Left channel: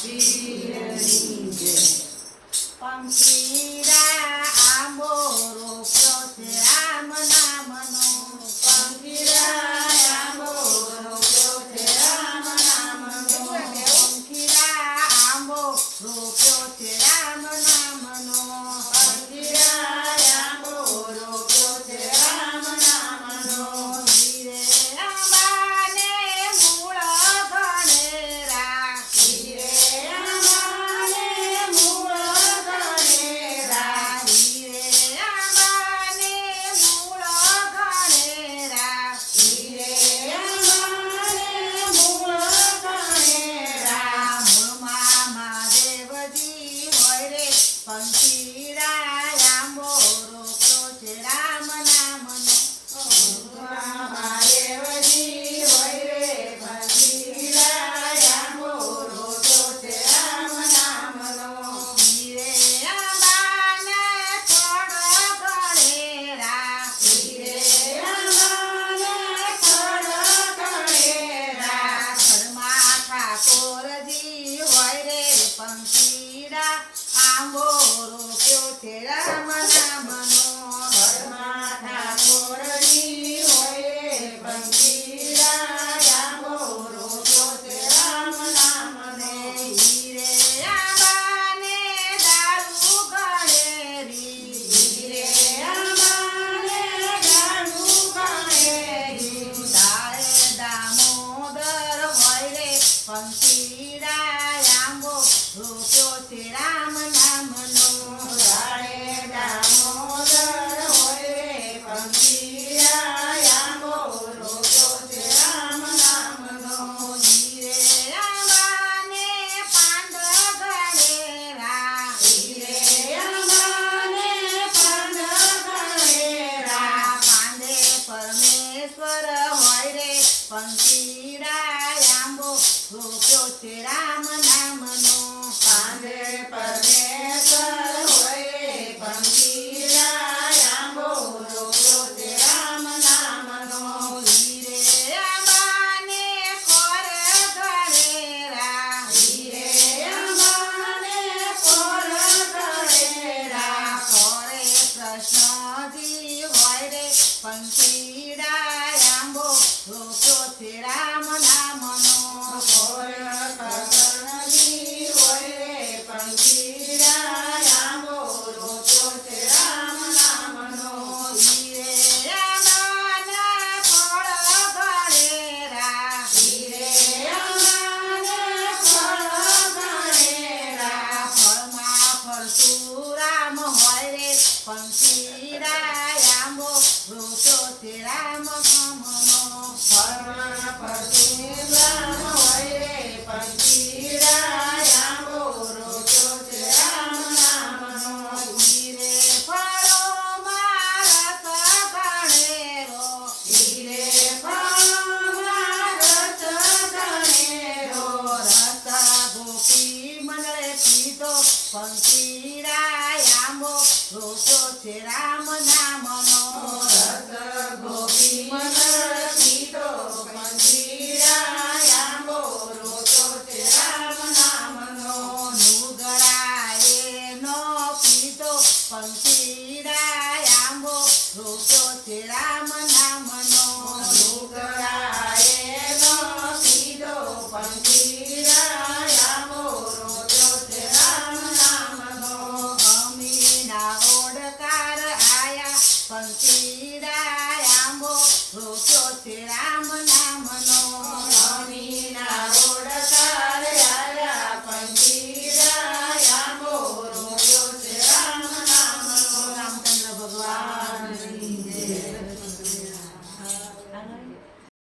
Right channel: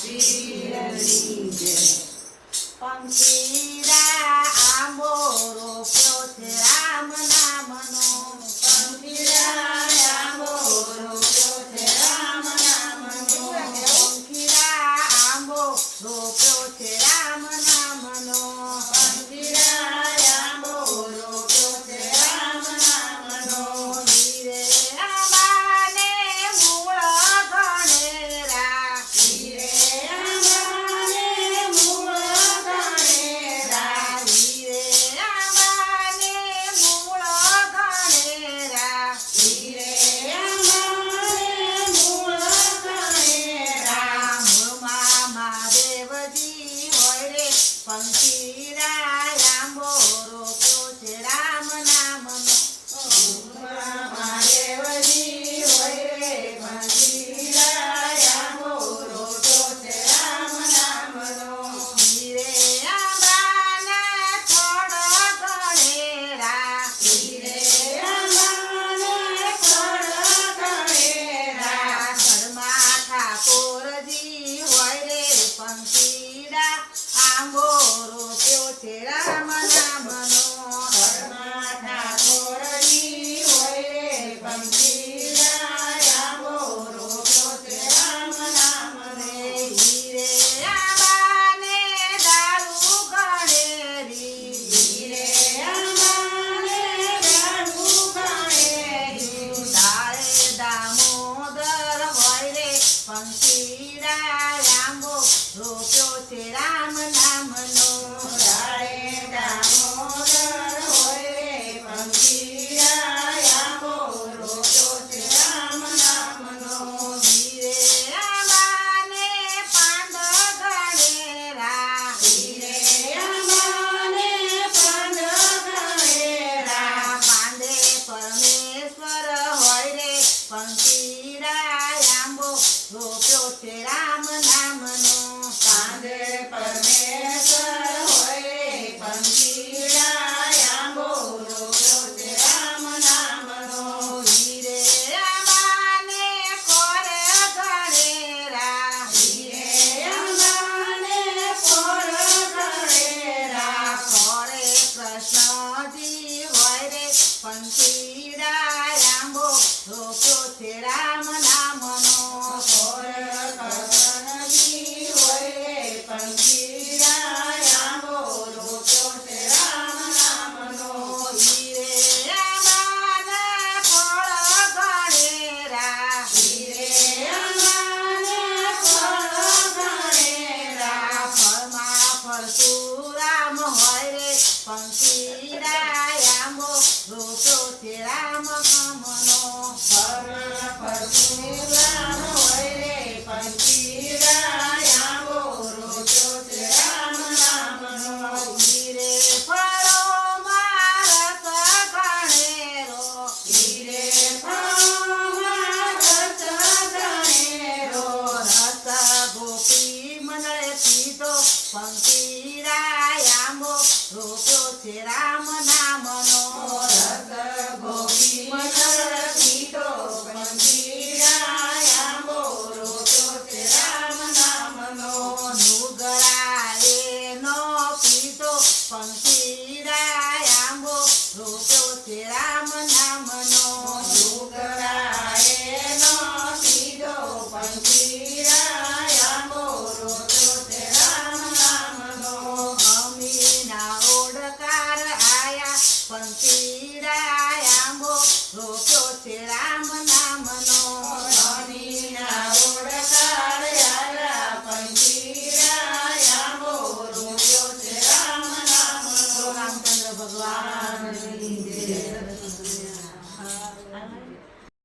પીરની જય. પંખીડા આંબો રોપ્યો છે રામ નામનો. પંખીડા આંબો રોપ્યો છે રામ નામનો. પંખીડા આંબો રોપ્યો છે રામ નામનો. પંખીડા આંબો રોપ્યો છે રામ નામનો. હીરે આંબાને મૂળ ગણેરા. હીરે આંબાને મૂળ ગણેરા. હીરે આંબાને મૂળ ગણેરા. હીરે આંબાને મૂળ ગણેરા. મૂળમાં મહાદેવજી હોય રે પંખીડા આંબો રોપ્યો છે રામ નામનો. મૂળમાં મહાદેવજી હોય રે પંખીડા આંબો રોપ્યો છે રામ નામનો. હીરે આંબાના થડ ગણેરા. હીરે આંબાના થડ ગણેરા. થડમાં ઠાકોરજી હોય રે પંખીડા આંબો રોપ્યો છે રામ નામનો. થડમાં ઠાકોરજી હોય રે પંખીડા આંબો રોપ્યો છે રામ નામનો. હીરે આંબાને દારૂ ગણેરી. હીરે આંબાને દારૂ ગણેરી. દાળે દામોદર હોય રે પંખીડા આંબો રોપ્યો છે રામ નામનો. દાળે દામોદર હોય રે પંખીડા આંબો રોપ્યો છે રામ નામનો. હીરે આંબાને પાંડ ગણેરા. હીરે આંબાને પાંડ ગણેરા. પાંડે પરમેશ્વર હોય રે પંખીડા આંબો રોપ્યો છે રામ નામનો. પાંડે પરમેશ્વર હોય રે પંખીડા આંબો રોપ્યો છે રામ નામનો. હીરે આંબાને કોર ગણેરા. હીરે આંબાને કોર ગણેરા. કોરે કૃષ્ણજી હોય રે પંખીડા આંબો રોપ્યો છે રામ નામનો. કોર કૃષ્ણજી હોય રે પંખીડા આંબો રોપ્યો છે રામ નામનો. હીરે આંબાના ફળ ગણેરા. હીરે આંબાને ફળ ગણેરા. ફળમાં પરશુરામ હોય રે પંખીડા આંબો રોપ્યો છે રામ નામનો. ફળમાં પરશુરામ હોય રે પંખીડા આંબો રોપ્યો છે રામ નામનો. હીરે ફળોમાં રસ ગણેરો. હીરે ફળોમાં રસ ગણેરો. રસ ગોપી મંડળે પીધો પંખીડા આંબો રોપ્યો છે રામ નામનો. રસ ગોપી મંડળે પીધો પંખીડા આંબો રોપ્યો છે રામ નામનો. નુગરાએ નો પીધો પંખીડા આંબો રોપ્યો છે રામ નામનો. નુગરાએ નો પીધો પંખીડા આંબો રોપ્યો છે રામ નામનો. અમીના ઓડકાર આયા પંખીડા આંબો રોપ્યો છે રામ